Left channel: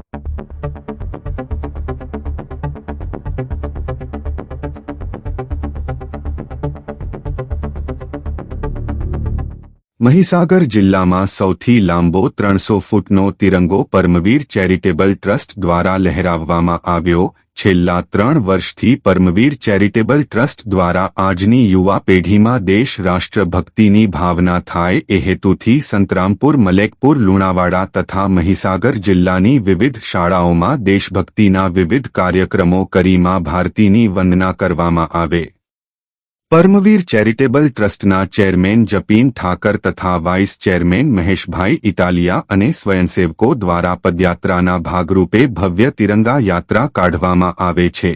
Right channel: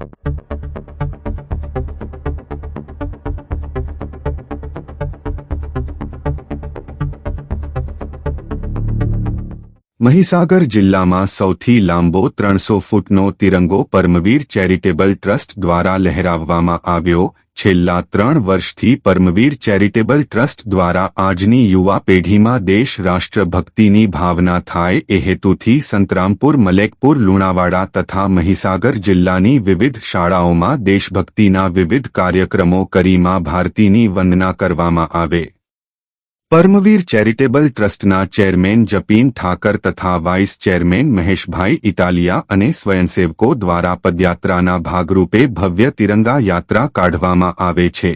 Thank you. Mahisagar જિલ્લામાં સૌથી લાંબો ત્રણસો ફૂટનો તિરંગો પરમવીર ચેરિટેબલ ટ્રસ્ટ દ્વારા લહેરાવવામાં આવ્યો. છેલ્લા ત્રણ વર્ષથી પરમવીર ચેરિટેબલ ટ્રસ્ટ દ્વારા આજની યુવા પેઢીમાં દેશ રાષ્ટ્રભક્તિની ભાવના થાય એ હેતુથી સંતરામપુર, મલેકપુર, લુણાવાડા તથા મહીસાગર જિલ્લાની વિવિધ શાળાઓમાં દેશભક્તિના વિવિધ કાર્યક્રમો કરીમાં ભારતીની વંદના કરવામાં આવે. પરમવીર ચેરિટેબલ ટ્રસ્ટના ચેરમેન જપીન ઠાકર તથા વાઇસ ચેરમેન મહેશભાઈ ઇટાલિયા અને સ્વયંસેવકો દ્વારા પદયાત્રાના ભાગરૂપે ભવ્ય તિરંગા યાત્રા કાઢવામાં આવે છે.